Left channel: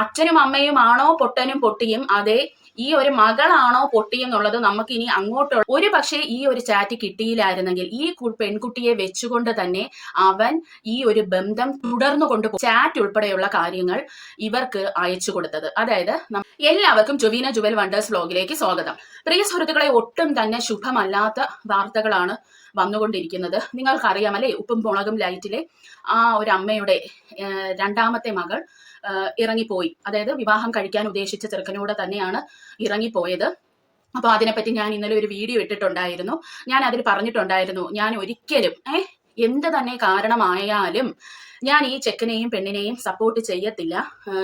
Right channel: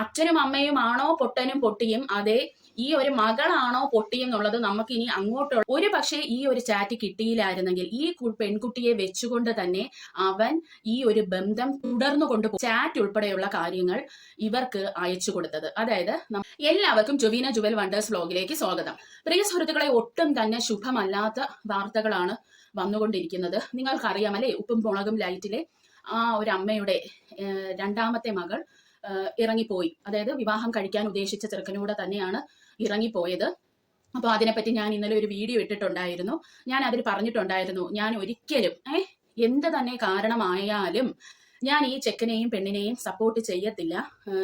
അച്ഛനും അമ്മയും ആണോ പൊട്ടനും പൊട്ടിയും അതെ ഈ ഒരു മകളാണോ പൊട്ടി എന്നുള്ളത് നമുക്ക് ഇനി അങ്ങോട്ടുള്ള ഒരു പക്ഷേ ഈ ഒരു ചാറ്റ് കിട്ടിയില്ലായിരുന്നെങ്കിൽ ഈ പെൺകുട്ടിയെ വെച്ചുകൊണ്ട് തന്നെ അവൻ ഈ ഒരു ബന്ധം തുടർന്നു കൊണ്ടുപോകും ചാറ്റ് ഉൾപ്പെടെയുള്ള കാര്യങ്ങൾ ഇവർക്ക് അയച്ചു കൊടുത്തത്. അതായത് എല്ലാവർക്കും ജുവീന ജുവൽ വണ്ടേഴ്സ് വ്ലോഗിലേക്ക് സ്വാഗതം. പ്രിയ സുഹൃത്തുക്കളെ ഒട്ടും തന്നെ ശുഭമല്ലാത്ത വാർത്തകളാണ് വന്നുകൊണ്ടിരിക്കുന്നത്. നിങ്ങൾക്കറിയാം അല്ലേ ഉപ്പും മുളകും ലൈറ്റിലെ ആ ഒരു അമ്മയുടെ രണ്ടാമത്തെ മകൾ ഇറങ്ങിപ്പോയി. അതായത് വിവാഹം കഴിക്കാൻ ഉദ്ദേശിച്ച ചെറുക്കനോട് തന്നെയാണ് ഇറങ്ങിപ്പോയത്. അപ്പോൾ അതിനെപ്പറ്റി ഞാൻ ഇന്നലെ ഒരു വീഡിയോ ഇട്ടിട്ടുണ്ടായിരുന്നു. ഞാൻ അതിൽ പറഞ്ഞിട്ടുണ്ടായിരുന്നു ഞാൻ ഒരിക്കലും ഏഹ് എന്ത് തന്നെ കാരണമായാലും ഞാൻ ഈ ചെക്കനെയും പെണ്ണിനെയും സപ്പോർട്ട് ചെയ്യത്തില്ല.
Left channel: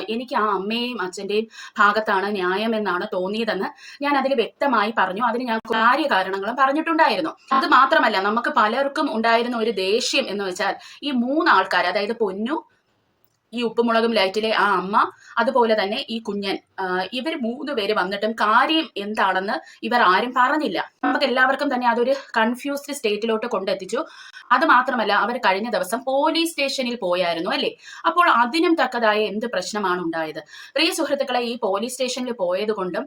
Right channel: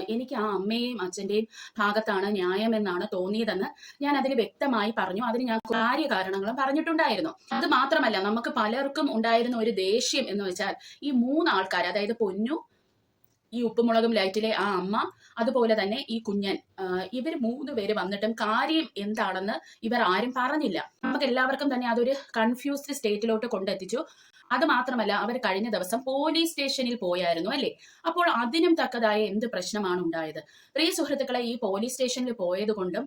എനിക്ക് ആ അമ്മയെയും അച്ഛന്റെയും ഭാഗത്താണ് ന്യായമെന്നാണ് തോന്നിയതെന്ന് ഞാൻ അതിൽ വ്യക്തമായി പറഞ്ഞു. അതിന് ഞാൻ കാര്യ കാരണങ്ങളും പറഞ്ഞിട്ടുണ്ടായിരുന്നു. അത് മാത്രമല്ല നമുക്ക് പലർക്കും ഉണ്ടായിരുന്ന ഒരു ദേഷ്യം എന്ന് വെച്ചാൽ ഈ മൂന്നാൾക്കാർ അതായത് പൊന്നു ഈ ഉപ്പുമുളകും ലൈറ്റിലെ ആ അമ്മ അതുപോലെ തന്നെ ഈ കുഞ്ഞൻ. ഇവർ മൂന്ന് പേര് വന്നിട്ടും കാര്യം എന്താണെന്ന് ഇവർ ആരും പറഞ്ഞില്ല. നമുക്ക് എല്ലാവർക്കും തന്നെ അതൊരു കൺഫ്യൂസ്ഡ് സ്റ്റേറ്റിലോട്ട് കൊണ്ടെത്തിച്ചു. അത് മാത്രമല്ല അവർ കഴിഞ്ഞ ദിവസം പോലീസ് സ്റ്റേഷനിൽ പോയായിരുന്നു അല്ലേ? അപ്പോൾ അതിനും തക്കതായ എന്ത് പ്രശ്നമാണ് ഉണ്ടായത്? പ്രിയ സുഹൃത്തുക്കളെ ഈ പോലീസ് സ്റ്റേഷനിൽ പോയത് കൊണ്ടും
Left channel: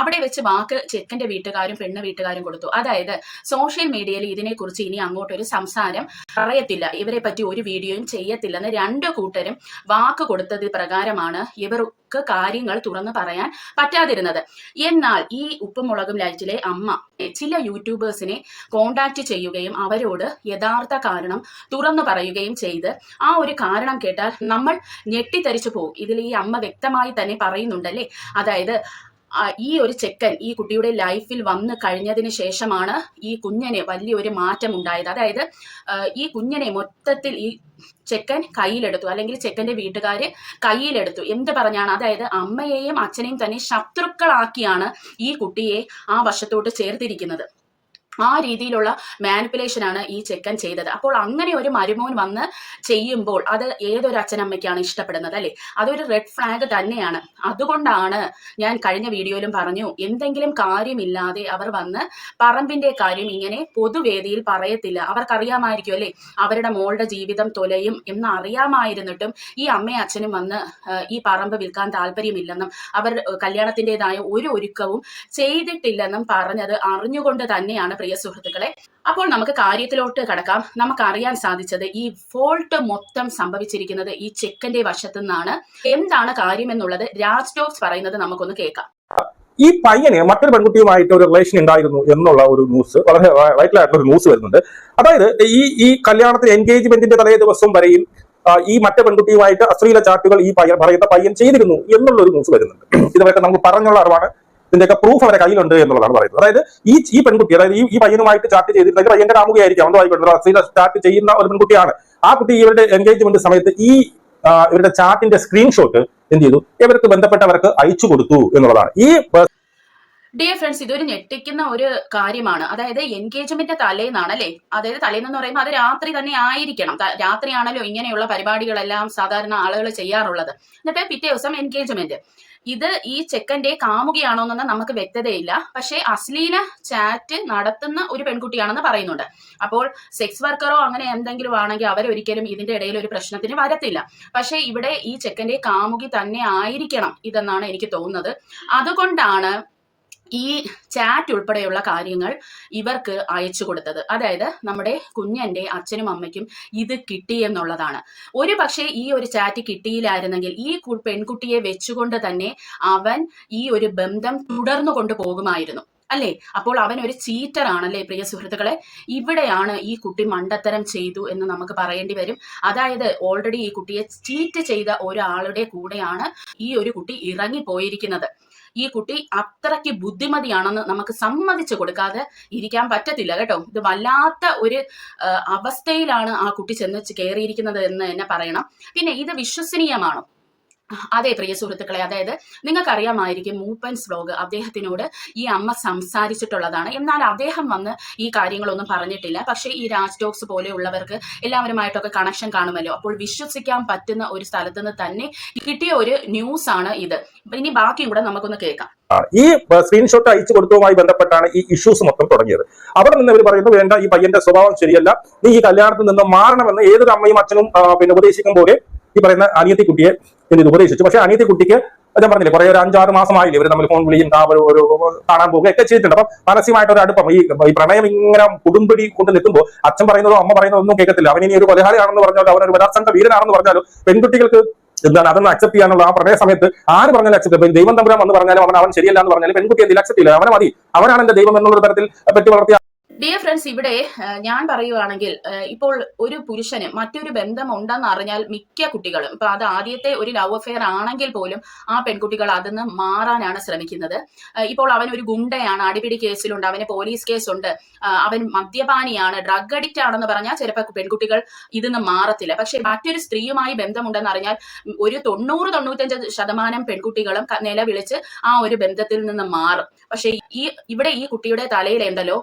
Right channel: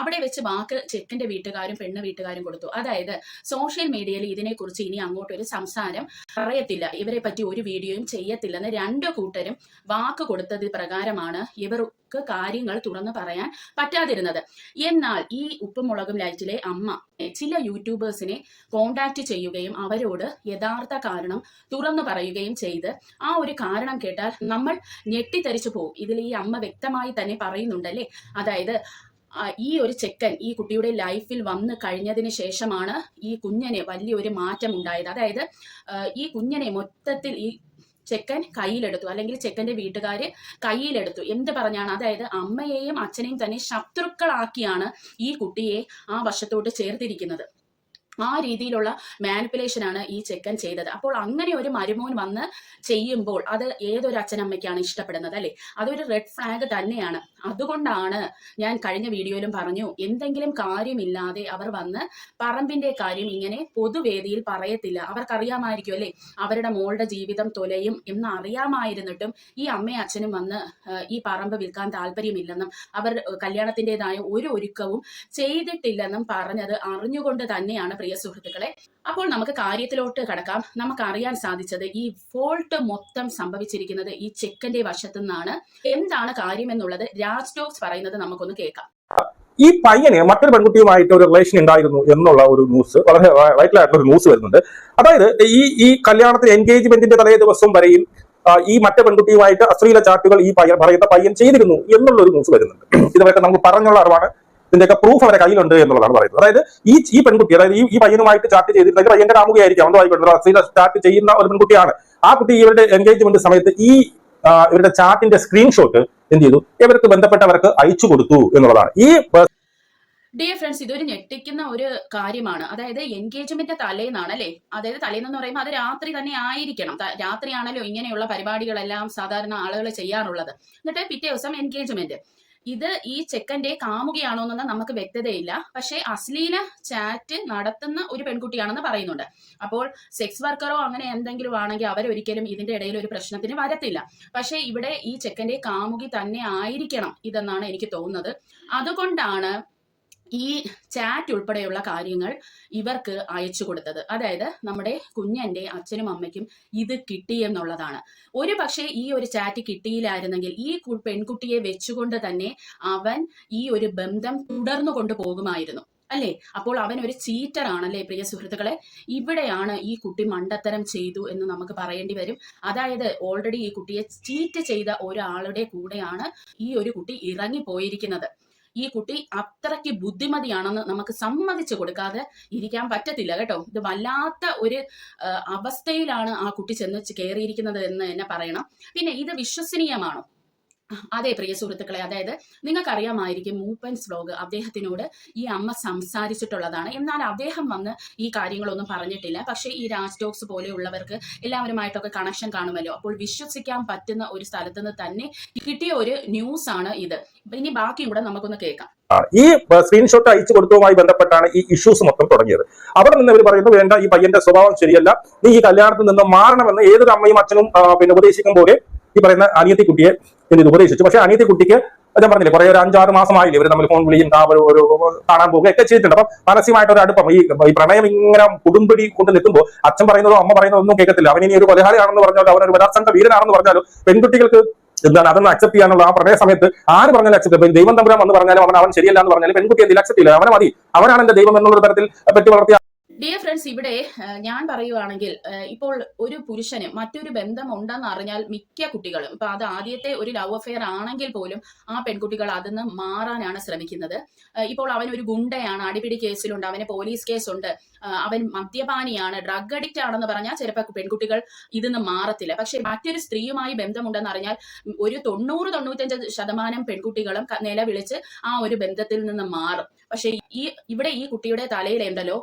അവിടെ വെച്ച് വാക്ക് ചെക്കന്റെ വീട്ടുകാരും പെണ്ണ് വീട്ടുകാരും കൊടുത്തു. അതായത് സോഷ്യൽ മീഡിയയിൽ ഇതിനെക്കുറിച്ച് ഇനി അങ്ങോട്ടൊരു സംസാരം പറയത്തില്ല. ഇവരെ പറ്റി ഒരു വീഡിയോയും ചെയ്യത്തില്ലെന്ന് രണ്ടു കൂട്ടരും വാക്ക് കൊടുത്തത് പ്രകാരമാണ് ഇവർക്ക് കാര്യങ്ങൾ തുറന്നു പറയാൻ പറ്റാതിരുന്നത്. എന്നാൽ ഈ ഉപ്പുമുളകും ലൈറ്റിലെ അമ്മ ചില യൂട്യൂബേഴ്സിനെ കോണ്ടാക്ട് ചെയ്യുകയും അവരോട് യഥാർത്ഥ കാരണം തുറന്നു പറയുകയും ചെയ്ത് ആ ഒരു കാരണം കേട്ടാൽ നമ്മൾ ഞെട്ടിത്തരിച്ചു പോകും. ഇതിൽ ഈ അമ്മ വ്യക്തമായി തന്നെ പറയുന്നുണ്ടല്ലേ? അതായത് ഈ ഒരു ചെക്കൻ ഈ കുട്ടിയുടെ ലൈഫിൽ വന്നു കഴിഞ്ഞതിന് ശേഷമാണ് ഈ കുഞ്ഞനെ വലിയൊരു മാറ്റം ഉണ്ടായത് അതായത് ഈ കുഞ്ഞനെ മൊത്തത്തിൽ ഈ ചെക്കൻ കയ്യിലെടുത്തു. അല്ലെങ്കിൽ ചെക്കന്റെ വീട്ടുകാര് കയ്യിലെടുത്തു. എന്ത് പറഞ്ഞാണ്? അതായത് അമ്മയെയും അച്ഛനെയും തന്നെ ശത്രുക്കളാക്കിയാണ് ഈ കുട്ടിയെ ആ വശത്തോട്ട് ചേർത്തിരിക്കുന്നത്. ആ രീതിയിലുള്ള മാനിപ്പുലേഷൻ ആണ് ഈ ചെക്കൻ ചെയ്തത്. അപ്പോൾ അങ്ങനെ ഒരു മരുമോൻ വന്ന് ചെയ്യുമ്പോൾ അത് ഏതൊരു അച്ഛനമ്മയ്ക്കാണ് ഇഷ്ടപ്പെടുന്നത് അല്ലേ? അതൊരു റെഡ് ഫ്ലാഗ് തന്നെയാണ്. അതുകൊണ്ടാണ് ഞാൻ കഴിഞ്ഞ വീഡിയോയിലും പറഞ്ഞു എന്തെങ്കിലും കാര്യമില്ലാതെ അവർ വന്ന് പറമ്പിന്റെ കാര്യം ഇങ്ങനെ പൊതുവേദിയിൽ പറയത്തില്ല. അവർക്കറിയാമായിരിക്കും അല്ലെ? അവരുടെ മോളുടെ ജീവിതം തൊലയും എന്ന് അറിയാമായിരുന്നിട്ടും ഈ അമ്മയും അച്ഛനും വന്ന് ഈ പറമ്പ് വിൽക്കാൻ താല്പര്യമില്ലെന്നും അവർ കല്യാണത്തിന്റെതായ ഒരു ഒരുക്കവും ചെയ്തിട്ടില്ലെന്നും പറഞ്ഞത് അറിഞ്ഞുകൊണ്ട് തന്നെയാണ് പ്രിയ സുഹൃത്തുക്കളെ അപ്പോൾ നമുക്ക് കാര്യത്തിലോട്ട് കടക്കാം. നമുക്ക് അറിയാൻ സാധിച്ചത് ഈ ഫോൾട്ട് മൊത്തം സംഭവിച്ചിരിക്കുന്നത് ഈ ചെക്കന്റെ വശത്തു നിന്നാണ് എന്താണ് കാര്യമെന്നുള്ളത് രാജ് ടോക്സ് പറയുന്നത് നമുക്കൊന്ന് കേൾക്കാം. ഈ പയ്യന് മറ്റൊരു പെൺകുട്ടിയുമായിട്ട് ഒരു റിലേഷൻ ഉണ്ടായിരുന്നു എന്നുള്ള ഒരു ന്യൂസ് വളരെ വൈറ്റലായിട്ടുള്ള ഒരു ന്യൂസ് വരുന്നുണ്ട്. അതായത് ഈ ഈ കല്യാണത്തിന് എൻഗേജ്മെന്റിന്റെ തലേ ദിവസം വരെയും ഈ മറ്റേ പെൺകുട്ടിയുമായിട്ട് അശ്ലീല ചാറ്റുകൾ ഈ പയ്യൻ പറയുന്ന പയ്യൻ ചെയ്തിരുന്നു എന്നുള്ള ഒരു ന്യൂസ് വരുന്നുണ്ട്. ഇതുവരെ നമുക്ക് പറഞ്ഞുള്ള അറിവാണ്. ഇതിന്റെയൊക്കെ പ്രൂഫ് അവരുടെ കയ്യിലുണ്ട് എന്നുള്ളതാണ് പറയുന്നത്. അതായത് ഈ ഈ പെൺകുട്ടി അതായത് ഈ ഈ പയ്യനുമായിട്ട് ചാറ്റ് ചെയ്തിട്ടുണ്ടെങ്കിൽ പയ്യന്റെ കാമുകയായിരിക്കും അശ്ലീല ചാറ്റ് ചെയ്യുന്ന ഒരു പെൺകുട്ടിയാണ്. ആ കുട്ടി ഇവരുടെ എൻഗേജ്മെന്റ് സമയത്ത് ഈ ഇവരുടെ ചാറ്റിന്റെ സ്ക്രീൻഷോട്ട് എന്ത് ചെയ്തു? ഇവർക്ക് ബന്ധപ്പെട്ടവർക്ക് അയച്ചു കൊടുത്തു എന്നുള്ളതാണ്. ഈ ഡിയർ ഫ്രണ്ട്സ് ഇതൊരു ഞെട്ടിക്കുന്ന ഒരു കാര്യമാണ്. അതായത് എൻഗേജ്മെന്റ് തലേന്നാണ് അല്ലേ അതായത് തലേന്ന് പറയുമ്പോൾ അത് രാത്രി തന്നെ ആയിരിക്കണം. രാത്രിയാണല്ലോ ഇങ്ങനെയുള്ള പരിപാടികളെല്ലാം സാധാരണ ആളുകൾ ചെയ്യാറുള്ളത്. എന്നിട്ട് പിറ്റേ ദിവസം എൻഗേജ്മെന്റ് ഇത് ഈ ചെക്കന്റെ കാമുകയാണോ എന്നൊന്നും നമുക്ക് വ്യക്തതയില്ല. പക്ഷേ അശ്ലീല ചാറ്റ് നടത്തുന്ന ഒരു പെൺകുട്ടിയാണെന്ന് പറയുന്നുണ്ട്. അപ്പോൾ സെക്സ് വർക്കറോ അങ്ങനെ എന്തെങ്കിലും ആണെങ്കിൽ അവരൊരിക്കലും ഇതിന്റെ ഇടയിൽ ഒരു പ്രശ്നത്തിന് വരത്തില്ല. പക്ഷേ ഇവിടെ ഈ ചെക്കന്റെ കാമുകി തന്നെ ആയിരിക്കണം ഇതെന്നാണ് എനിക്ക് തോന്നുന്നത്. അതുകൊണ്ടാണ് ഈ ചാറ്റ് ഉൾപ്പെടെയുള്ള കാര്യങ്ങൾ ഇവർക്ക് അയച്ചു കൊടുത്തത്. അതായത് നമ്മുടെ കുഞ്ഞന്റെ അച്ഛനും അമ്മയ്ക്കും ഇത് കിട്ടി എന്നുള്ളതാണ്. ഒരു പക്ഷേ ഈ ഒരു ചാറ്റ് കിട്ടിയില്ലായിരുന്നെങ്കിൽ ഈ പെൺകുട്ടിയെ വെച്ചുകൊണ്ട് തന്നെ അവൻ ഈ ഒരു ബന്ധം തുടർന്നു കൊണ്ടുപോകുമായിരുന്നു അല്ലേ? അപ്പോൾ അവൻ ഒരു ചീറ്റർ ആണല്ലേ പ്രിയ സുഹൃത്തുക്കളെ? ഇവിടെയാണ് ഈ കുട്ടി മണ്ടത്തരം ചെയ്തു എന്ന് നമുക്ക് പറയേണ്ടി വരും. അതായത് ഓൾറെഡി ഈ കുട്ടിയെ ചീറ്റ് ചെയ്ത ഒരാളുടെ കൂടെയാണ് ഈ ഒരു കുട്ടി ഇറങ്ങിപ്പോയിരിക്കുന്നത്. ഈ കുട്ടി അത്രയ്ക്ക് ബുദ്ധിമതിയാണെന്ന് നമുക്ക് സമ്മതിച്ചു കൊടുക്കാതെ ഇരിക്കാൻ പറ്റത്തില്ല കേട്ടോ. ഇത് വല്ലാത്ത ഒരു അവസ്ഥയിലാണ് ആ കുട്ടി ചെന്ന് കയറിയിരിക്കുന്നത് എന്ന് തന്നെ പറയണം. പിന്നെ ഇത് വിശ്വസനീയമാണോ? അതെ പ്രിയ സുഹൃത്തുക്കളെ അതായത് നിങ്ങൾക്കറിയാമായിരിക്കും മൂപ്പൻസ് വ്ലോഗ് അദ്ദേഹത്തിനോട് ഈ അമ്മ സംസാരിച്ചിട്ടുള്ളതാണ്. എന്നാൽ അദ്ദേഹം വന്ന് ഈ കാര്യങ്ങളൊന്നും പറഞ്ഞിട്ടില്ല. പക്ഷേ ഈ രാജ് ടോക്സ് പോലെയുള്ളവർക്ക് എല്ലാവരുമായിട്ടൊക്കെ കണക്ഷൻ കാണുമല്ലോ. അപ്പോൾ വിശ്വസിക്കാൻ പറ്റുന്ന ഒരു സ്ഥലത്ത് നിന്ന് തന്നെ കിട്ടിയ ഒരു ന്യൂസ് ആണ് ഇത്. ഇനി ബാക്കിയും കൂടെ നമുക്കൊന്ന് കേൾക്കാം. ഈ സ്ക്രീൻഷോട്ട് അയച്ചു കൊടുത്തതുമായി ബന്ധപ്പെട്ടാണ് ഈ ഇഷ്യൂസ് മൊത്തം തുടങ്ങിയത്. അവിടെ നിന്ന് അവർ പറയുന്നു വേണ്ട ഈ പയ്യന്റെ സ്വഭാവം ശരിയല്ല. നീ ഈ കല്യാണത്തിൽ നിന്ന് മാറണമെന്ന് ഏതൊരു അമ്മയും അച്ഛനും പിന്നെ ഉപദേശിക്കും പോലെ ഈ പറയുന്ന അനിയത്തി കുട്ടിയെ എന്ത് ഉപദേശിച്ചു. പക്ഷെ അനിയത്തി കുട്ടിക്ക് ഞാൻ പറഞ്ഞില്ലേ കുറെ ഒരു അഞ്ചാറ് മാസമായില്ലേ ഇവർ നമ്മൾ ഫോൺ വിളിയും ഒരു ഒരു കാണാൻ പോകുകയൊക്കെ ചെയ്തിട്ടുണ്ട്. അപ്പം മാനസികമായിട്ട് ഒരു അടുപ്പം. ഈ ഈ പ്രണയം ഇങ്ങനെ കുടുംബടി കൊണ്ട് നിൽക്കുമ്പോൾ അച്ഛൻ പറയുന്നതോ അമ്മ പറയുന്നതോ ഒന്നും കേൾക്കത്തില്ല. ഇനി ഒരു കൊലഹാരിയാണെന്ന് പറഞ്ഞാലോ അവനൊരു ബലാത്സംഗ വീരനാണെന്ന് പറഞ്ഞാലോ പെൺകുട്ടികൾക്ക് എന്താണ് അതൊന്ന് അക്സെപ്റ്റ് ചെയ്യാനുള്ള ആ പ്രണയ സമയത്ത് ആര് പറഞ്ഞാലും അക്സെപ്റ്റ് ദൈവം തമ്പുരാൻ വന്ന് പറഞ്ഞാലും അവൻ അവൻ ശരിയല്ല എന്ന് പറഞ്ഞാലും പെൺകുട്ടി എന്തിൽ അക്സെപ്റ്റ് ചെയ്യില്ല. അവനെ മതി. അവനാണ് എന്റെ ദൈവം എന്നുള്ള തരത്തിൽ പറ്റി വളർത്തിയ ഡിയർ ഫ്രണ്ട്സ് ഇവിടെ ഞാൻ പറയുവാണെങ്കിൽ ഇപ്പോൾ ഒരു പുരുഷന് മറ്റൊരു ബന്ധം ഉണ്ടെന്ന് അറിഞ്ഞാൽ മിക്ക കുട്ടികളും ഇപ്പൊ അത് ആദ്യത്തെ ഒരു ലവ് അഫെയർ ആണെങ്കിൽ പോലും ആ പെൺകുട്ടികൾ അതിന്ന് മാറാനാണ് ശ്രമിക്കുന്നത്. ഇപ്പോൾ അവൻ ഒരു ഗുണ്ടയാണ് അടിപിടി കേസിലുണ്ട് അവന് പോലീസ് കേസുണ്ട് അവൻ മദ്യപാനിയാണ് ഡ്രഗ് അഡിക്റ്റ് ആണെന്ന് പറഞ്ഞാൽ ചിലപ്പോൾ പെൺകുട്ടികൾ ഇതിന്ന് മാറത്തില്ല. പക്ഷെ മറ്റൊരു സ്ത്രീയുമായി ബന്ധമുണ്ടെന്ന് അറിഞ്ഞാൽ ഒരു തൊണ്ണൂറ് തൊണ്ണൂറ്റഞ്ച് ശതമാനം പെൺകുട്ടികളും നിലവിളിച്ച് ആ ഒരു ബന്ധത്തിൽ നിന്ന് മാറും. പക്ഷെ ഈ ഇവിടെ ഈ കുട്ടിയുടെ തലയിലുണ്ടല്ലോ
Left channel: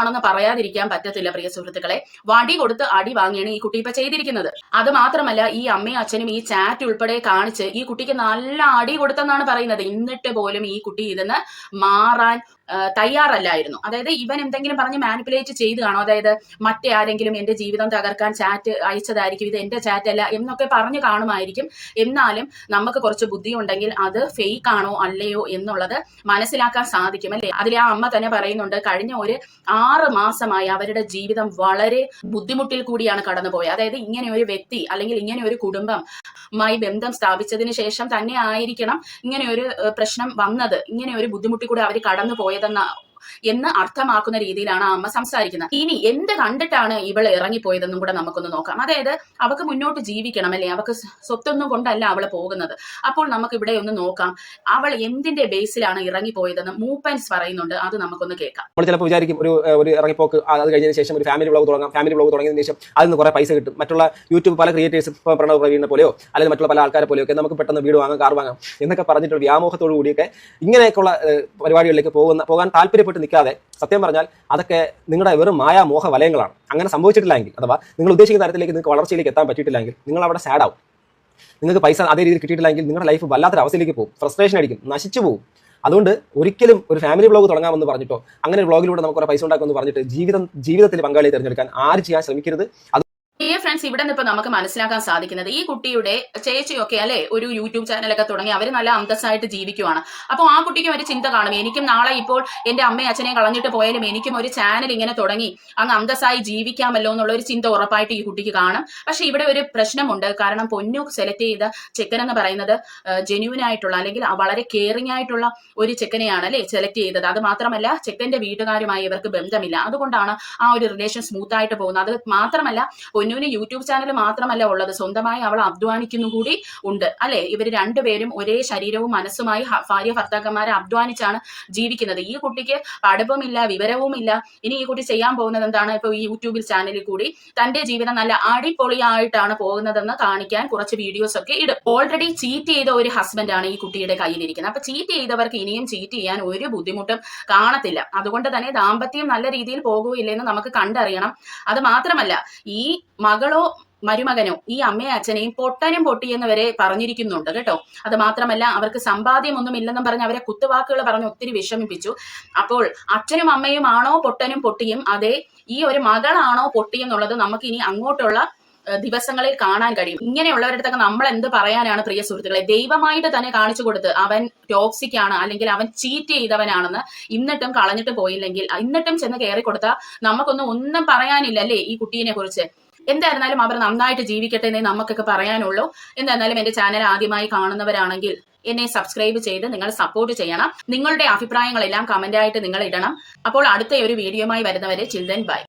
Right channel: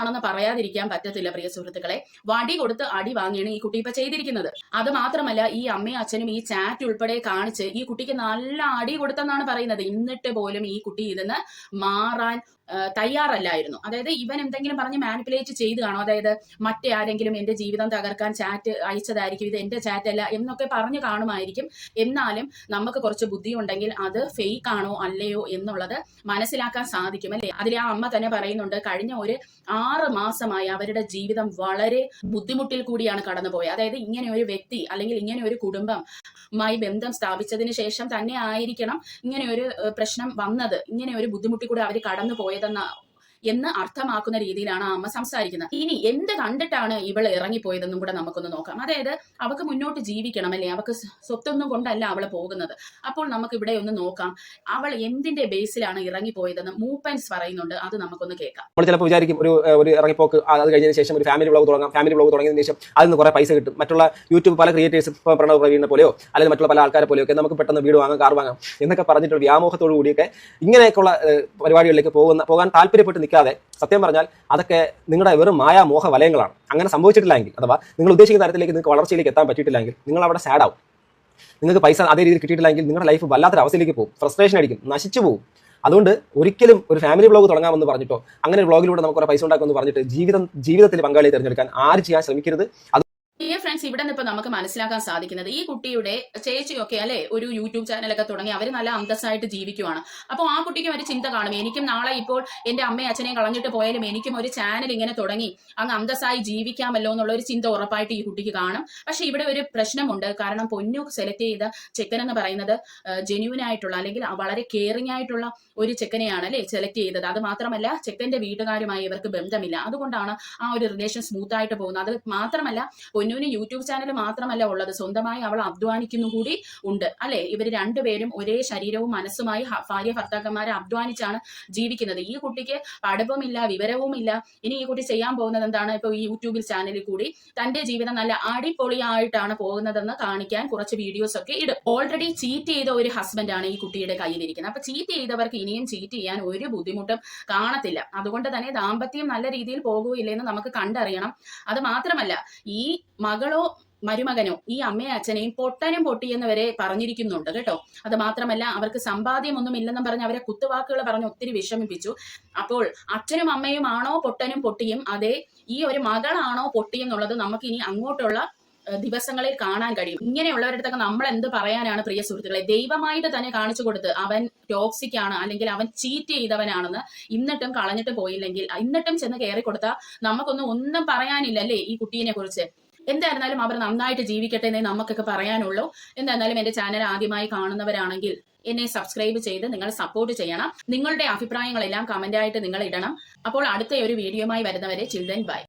കളിമണ്ണാണെന്ന് പറയാതിരിക്കാൻ പറ്റത്തില്ല പ്രിയ സുഹൃത്തുക്കളെ. വടി കൊടുത്ത് അടി വാങ്ങിയാണ് ഈ കുട്ടി ഇപ്പൊ ചെയ്തിരിക്കുന്നത്. അത് മാത്രമല്ല ഈ അമ്മയും അച്ഛനും ഈ ചാറ്റ് ഉൾപ്പെടെ കാണിച്ച് ഈ കുട്ടിക്ക് നല്ല അടി കൊടുത്തെന്നാണ് പറയുന്നത്. എന്നിട്ട് പോലും ഈ കുട്ടി ഇതിന്ന് മാറാൻ തയ്യാറല്ലായിരുന്നു. അതായത് ഇവൻ എന്തെങ്കിലും പറഞ്ഞ് മാനിപ്പുലേറ്റ് ചെയ്ത് കാണും. അതായത് മറ്റേ ആരെങ്കിലും എന്റെ ജീവിതം തകർക്കാൻ ചാറ്റ് അയച്ചതായിരിക്കും ഇത് എന്റെ ചാറ്റ് അല്ല എന്നൊക്കെ പറഞ്ഞു കാണുമായിരിക്കും. എന്നാലും നമുക്ക് കുറച്ച് ബുദ്ധി ഉണ്ടെങ്കിൽ അത് ഫേക്ക് ആണോ അല്ലയോ എന്നുള്ളത് മനസ്സിലാക്കാൻ സാധിക്കും അല്ലേ? അതിൽ ആ അമ്മ തന്നെ പറയുന്നുണ്ട് കഴിഞ്ഞ ഒരു ആറ് മാസമായി അവരുടെ ജീവിതം വളരെ ബുദ്ധിമുട്ടിൽ കൂടിയാണ് കടന്നുപോയത്. അതായത് ഇങ്ങനെ ഒരു വ്യക്തി അല്ലെങ്കിൽ ഇങ്ങനെ ഒരു കുടുംബം മായി ബന്ധം സ്ഥാപിച്ചതിന് ശേഷം തന്നെ ആയിരിക്കണം ഇങ്ങനെ ഒരു പ്രശ്നം വന്നത്. ഇങ്ങനെ ഒരു ബുദ്ധിമുട്ടിൽ കൂടി അവർ കടന്നു 的呢？എന്ന് അർത്ഥമാക്കുന്ന രീതിയിലാണ് ആ അമ്മ സംസാരിക്കുന്നത്. ഇനി എന്ത് കണ്ടിട്ടാണ് ഇവൾ ഇറങ്ങിപ്പോയതെന്നും കൂടെ നമുക്കൊന്ന് നോക്കാം. അതായത് അവൾക്ക് മുന്നോട്ട് ജീവിക്കണം അല്ലേ? അവൾക്ക് സ്വത്തൊന്നും കൊണ്ടല്ല അവൾ പോകുന്നത്. അപ്പോൾ നമുക്ക് ഇവിടെ ഒന്ന് നോക്കാം. അവൾ എന്തിന്റെ ബേസിലാണ് ഇറങ്ങിപ്പോയതെന്ന് മൂപ്പൻസ് പറയുന്നുണ്ട്. അത് നമുക്കൊന്ന് കേൾക്കാം. നമ്മൾ ചിലപ്പോൾ വിചാരിക്കും ഒരു ഒരു ഇറങ്ങിപ്പോക്ക് അത് കഴിഞ്ഞതിന് ശേഷം ഒരു ഫാമിലി ബ്ലോഗ് തുടങ്ങാം. ഫാമിലി ബ്ലോഗ് തുടങ്ങിയതിന് ശേഷം അതിൽ നിന്ന് കുറേ പൈസ കിട്ടും. മറ്റുള്ള യൂട്യൂബ് പല ക്രിയേറ്റേഴ്സ് ഇപ്പോൾ പ്രണവ് പ്രവീണിനെ പോലെയോ അല്ലെങ്കിൽ മറ്റുള്ള പല ആൾക്കാരെ പോലെയോ ഒക്കെ നമുക്ക് പെട്ടെന്ന് വീട് വാങ്ങാം കാർ വാങ്ങാം എന്നൊക്കെ പറഞ്ഞിട്ടുള്ള വ്യാമോഹത്തോടു കൂടിയൊക്കെ ഇങ്ങനെയൊക്കെയുള്ള പരിപാടികളിലേക്ക് പോകുന്ന പോകാൻ താല്പര്യപ്പെട്ട് നിൽക്കാതെ സത്യം പറഞ്ഞാൽ അതൊക്കെ നിങ്ങളുടെ വെറും മായ മോഹ വലയങ്ങളാണ്. അങ്ങനെ സംഭവിച്ചിട്ടില്ലെങ്കിൽ അഥവാ നിങ്ങൾ ഉദ്ദേശിക്കുന്ന തരത്തിലേക്ക് നിങ്ങൾക്ക് വളർച്ചയിലേക്ക് എത്താൻ പറ്റിയിട്ടില്ലെങ്കിൽ നിങ്ങൾ അവിടെ സാഡ് ആവും. നിങ്ങൾക്ക് പൈസ അതേ രീതിയിൽ കിട്ടിയിട്ടില്ലെങ്കിൽ നിങ്ങളുടെ ലൈഫ് വല്ലാത്തൊരു അവസ്ഥയിലേക്ക് പോകും. ഫ്രസ്ട്രേഷൻ അടിക്കും. നശിച്ചു പോകും. അതുകൊണ്ട് ഒരിക്കലും ഒരു ഫാമിലി ബ്ലോഗ് തുടങ്ങാമെന്ന് പറഞ്ഞിട്ടോ അങ്ങനെ ഒരു ബ്ലോഗിലൂടെ നമുക്ക് കുറേ പൈസ ഉണ്ടാക്കുമെന്ന് പറഞ്ഞിട്ട് ജീവിതം ജീവിതത്തിൽ പങ്കാളിയെ തിരഞ്ഞെടുക്കാൻ ആര് ചെയ്യാൻ ശ്രമിക്കരുത്? ഈ ഫ്രണ്ട്സ് ഇവിടെ നിന്ന് ഇപ്പൊ നമുക്ക് മനസ്സിലാക്കാൻ സാധിക്കുന്നത് ഈ കുട്ടിയുടെ ചേച്ചിയൊക്കെ അല്ലെ ഒരു യൂട്യൂബ് ചാനലൊക്കെ തുടങ്ങി അവർ നല്ല അന്തസ്സായിട്ട് ജീവിക്കുവാണ്. അപ്പോൾ ആ കുട്ടിക്കും ഒരു ചിന്ത കാണും. എനിക്കും നാളെ ഇപ്പോൾ എന്റെ അമ്മയും അച്ഛനെയും കളഞ്ഞിട്ട് പോയാലും എനിക്കും ഒരു ചാനൽ ഇങ്ങനെ തുടങ്ങി അങ്ങ് അന്തസ്സായി ജീവിക്കാമല്ലോ എന്നുള്ള ഒരു ചിന്ത ഉറപ്പായിട്ട് ഈ കുട്ടിക്ക് കാണും. പക്ഷെ ഇവിടെ ഒരു പ്രശ്നമുണ്ട്. കാരണം പൊന്നു സെലക്ട് ചെയ്ത ചെക്കൻ എന്ന് പറയുന്നത് ജെന്യൂൻ ആയിട്ടുള്ള അല്ലെങ്കിൽ വളരെ കെയറിംഗ് ആയിട്ടുള്ള ഒരു ചെക്കനെയാണ് അല്ലെ സെലക്ട് ചെയ്തത്. അത് മാത്രമല്ല ചെക്കന്റെ വീട്ടുകാരുമായി ഇവർക്ക് ബന്ധമില്ല. അതുകൊണ്ടാണ് ആ ഒരു റിലേഷൻ സ്മൂത്ത് ആയിട്ട് പോകുന്നത്. അത് മാത്രമല്ല പൊന്നുവിന് യൂട്യൂബ് ചാനൽ മാത്രമല്ല ഉള്ളത്. സ്വന്തമായി അവൾ അധ്വാനിക്കുന്നു കൂടി ഉണ്ട്. അല്ലെ? ഇവർ രണ്ടുപേരും ഒരേ ശരീരവും മനസ്സുമായി ഭാര്യ ഭർത്താക്കന്മാരെ അധ്വാനിച്ചാണ് ജീവിക്കുന്നത്. ഈ കുട്ടിക്ക് പഠിപ്പുമില്ല വിവരവുമില്ല. ഇനി ഈ കുട്ടി ചെയ്യാൻ പോകുന്നത് എന്താണ്? ഇപ്പൊ ഈ യൂട്യൂബിൽ ചാനലിൽ കൂടി തന്റെ ജീവിതം നല്ല അടിപൊളിയായിട്ടാണ് പോകുന്നതെന്ന് കാണിക്കാൻ കുറച്ച് വീഡിയോസ് ഒക്കെ ഇടും. ഓൾറെഡി ചീറ്റ് ചെയ്ത ഒരു ഹസ്ബൻഡ് ആണ് ഈ കുട്ടിയുടെ കയ്യിലിരിക്കുന്നത്. അപ്പൊ ചീറ്റ് ചെയ്തവർക്ക് ഇനിയും ചീറ്റ് ചെയ്യാൻ ഒരു ബുദ്ധിമുട്ടും കാണത്തില്ല. അതുകൊണ്ട് തന്നെ ദാമ്പത്യം നല്ല രീതിയിൽ പോകുകയില്ലെന്ന് നമുക്ക് കണ്ടറിയണം. അത് മാത്രമല്ല ഈ മകളോ മരുമകനോ ഈ അമ്മയും അച്ഛനെയും പൊട്ടനും പൊട്ടിയെന്ന് വരെ പറഞ്ഞിരിക്കുന്നുണ്ട് കേട്ടോ. അത് മാത്രമല്ല അവർക്ക് സമ്പാദ്യമൊന്നും ഇല്ലെന്നും പറഞ്ഞ് അവരെ കുത്തുവാക്കുകൾ പറഞ്ഞ് ഒത്തിരി വിഷമിപ്പിച്ചു. അപ്പോൾ അച്ഛനും അമ്മയും ആണോ പൊട്ടനും പൊട്ടിയും? അതെ ഈ ഒരു മകളാണോ പൊട്ടിയെന്നുള്ളത് നമുക്ക് ഇനി അങ്ങോട്ടുള്ള ദിവസങ്ങളിൽ കാണാൻ കഴിയും. ഇങ്ങനെയുള്ളവരടുത്തൊക്കെ നമ്മൾ എന്ത് പറയാനാണ് പ്രിയ സുഹൃത്തുക്കളെ? ദൈവമായിട്ട് തന്നെ കാണിച്ചു കൊടുത്ത് അവൻ ടോക്സിക് ആണ് അല്ലെങ്കിൽ അവൻ ചീറ്റ് ചെയ്തവനാണെന്ന് ഇന്നിട്ടും കളഞ്ഞിട്ട് പോയില്ലെങ്കിൽ ഇന്നിട്ടും ചെന്ന് കയറി കൊടുത്താൽ നമുക്കൊന്നും ഒന്നും പറയാനില്ല അല്ലേ ഈ കുട്ടീനെ കുറിച്ച് എന്തായിരുന്നാലും അവർ നന്നായിട്ട് ജീവിക്കട്ടെ എന്നേ നമുക്കൊക്കെ പറയാനുള്ളൂ. എന്തായിരുന്നാലും എന്റെ ചാനൽ ആദ്യമായി കാണുന്നവരാണെങ്കിൽ എന്നെ സബ്സ്ക്രൈബ് ചെയ്ത് നിങ്ങൾ സപ്പോർട്ട് ചെയ്യണം. നിങ്ങളുടെ അഭിപ്രായങ്ങളെല്ലാം കമന്റ് ആയിട്ട് നിങ്ങൾ ഇടണം അപ്പോൾ അടുത്ത ഒരു വീഡിയോയുമായി വരുന്നവരെ ചിൽഡ്രൻ ബൈ